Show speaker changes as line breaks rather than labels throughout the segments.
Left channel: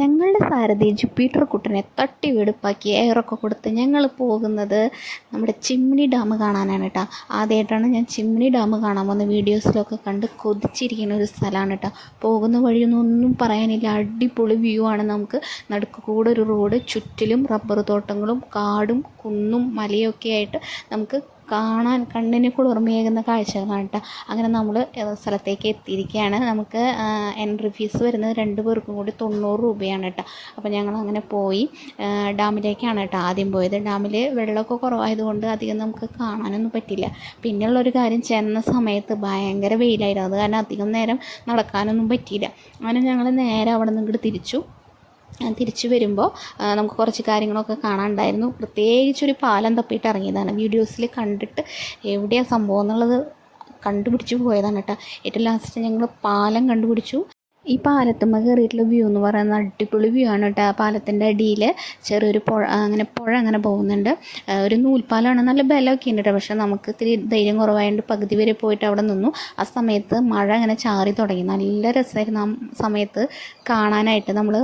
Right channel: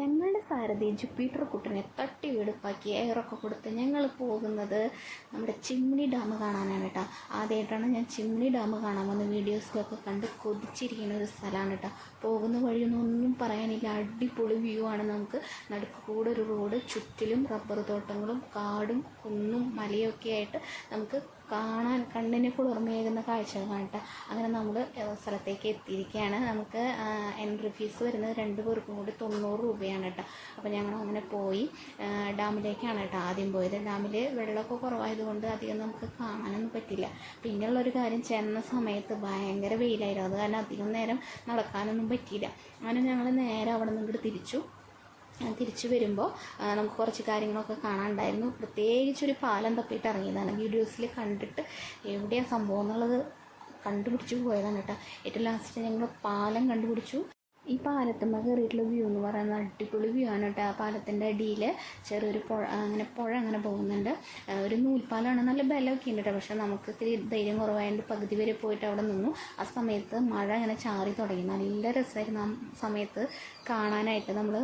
ഞങ്ങളുടെ സാരഥി ജുപ്പീറ്റർ കുട്ടനെ തട്ടി വെടുപ്പാക്കി എയറൊക്കെ കൊടുത്ത് ഞങ്ങൾ പോകുന്നത് നമ്മുടെ ചിമ്മിനി ഡാം കാണാനാണ് കേട്ടോ ആദ്യമായിട്ടാണ് ഞാൻ ചിമ്മിനി ഡാം കാണാൻ പോകുന്നത് വീഡിയോസിലൊക്കെ കണ്ട് കൊതിച്ചിരിക്കുന്ന ഒരു സ്ഥലമാണ് കേട്ടോ പോകുന്ന വഴിയൊന്നും ഒന്നും പറയാനില്ല. അടിപൊളി വ്യൂ ആണ് നമുക്ക്. നടുക്ക് കൂടെ ഒരു റോഡ് ചുറ്റിലും റബ്ബർ തോട്ടങ്ങളും കാടും കുന്നും മലയൊക്കെ ആയിട്ട് നമുക്ക് കാണാൻ കണ്ണിന് കുളിർമയേകുന്ന കാഴ്ചകളാണ് കേട്ടോ അങ്ങനെ നമ്മൾ സ്ഥലത്തേക്ക് എത്തിയിരിക്കുകയാണ് നമുക്ക് എൻട്രി ഫീസ് വരുന്നത് രണ്ട് പേർക്കും കൂടി തൊണ്ണൂറ് രൂപയാണ് കേട്ടോ അപ്പോൾ ഞങ്ങൾ അങ്ങനെ പോയി ഡാമിലേക്കാണ് കേട്ടോ ആദ്യം പോയത്. ഡാമിൽ വെള്ളമൊക്കെ കുറവായതുകൊണ്ട് അധികം നമുക്ക് കാണാനൊന്നും പറ്റില്ല. പിന്നെയുള്ളൊരു കാര്യം ചെന്ന സമയത്ത് ഭയങ്കര വെയിലായിരുന്നു. അത് കാരണം അധികം നേരം നടക്കാനൊന്നും പറ്റിയില്ല. അങ്ങനെ ഞങ്ങൾ നേരെ അവിടെ നിന്ന് ഇങ്ങോട്ട് തിരിച്ചു. തിരിച്ചു വരുമ്പോൾ നമുക്ക് കുറച്ച് കാര്യങ്ങളൊക്കെ കാണാനുണ്ടായിരുന്നു. പ്രത്യേകിച്ചൊരു പാലം തപ്പിയിട്ട് ഇറങ്ങിയതാണ്. വീഡിയോസിൽ കണ്ടിട്ട് എവിടെയാണ് സംഭവം എന്നുള്ളത് കണ്ടുപിടിച്ച് പോയതാണ് കേട്ടോ. ഏറ്റവും ലാസ്റ്റ് ഞങ്ങൾ പാലം കണ്ടുപിടിച്ചു. ഈ പാലത്തുമ്മ കയറിയിട്ടുള്ള വ്യൂ എന്ന് പറയുന്നത് അടിപൊളി വ്യൂ ആണ് കേട്ടോ. ആ പാലത്തിന്റെ അടിയിൽ ചെറിയൊരു പുഴ അങ്ങനെ പുഴ അങ്ങനെ പോകുന്നുണ്ട്. ഒരു നൂൽപ്പാലമാണ് നല്ല ബലമൊക്കെ ഉണ്ട് കേട്ടോ. പക്ഷേ നമുക്ക് ഇത്തിരി ധൈര്യം കുറവായതുകൊണ്ട് പകുതി വരെ പോയിട്ട് അവിടെ നിന്നു. ആ സമയത്ത് മഴ അങ്ങനെ ചാറി തുടങ്ങി. നല്ല രസമായിരുന്നു ആ സമയത്ത് കാണാനായിട്ട്. നമ്മൾ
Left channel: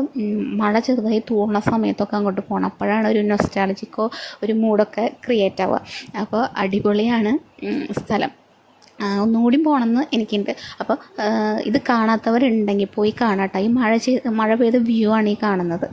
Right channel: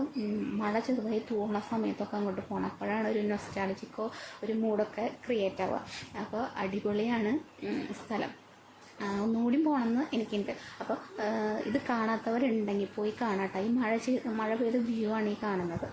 മഴ ചെറുതായി തൂണ സമയത്തൊക്കെ അങ്ങോട്ട് പോകണം അപ്പോഴാണ് ഒരു നൊസ്റ്റാളജിക്കോ ഒരു മൂഡൊക്കെ ക്രിയേറ്റ് ആവുക. അപ്പോൾ അടിപൊളിയാണ് സ്ഥലം. ഒന്നുകൂടി പോകണമെന്ന് എനിക്കുണ്ട്. അപ്പോൾ ഇത് കാണാത്തവരുണ്ടെങ്കിൽ പോയി കാണാട്ടോ. ഈ മഴ ചെയ്ത് മഴ പെയ്ത വ്യൂ ആണ് ഈ കാണുന്നത്.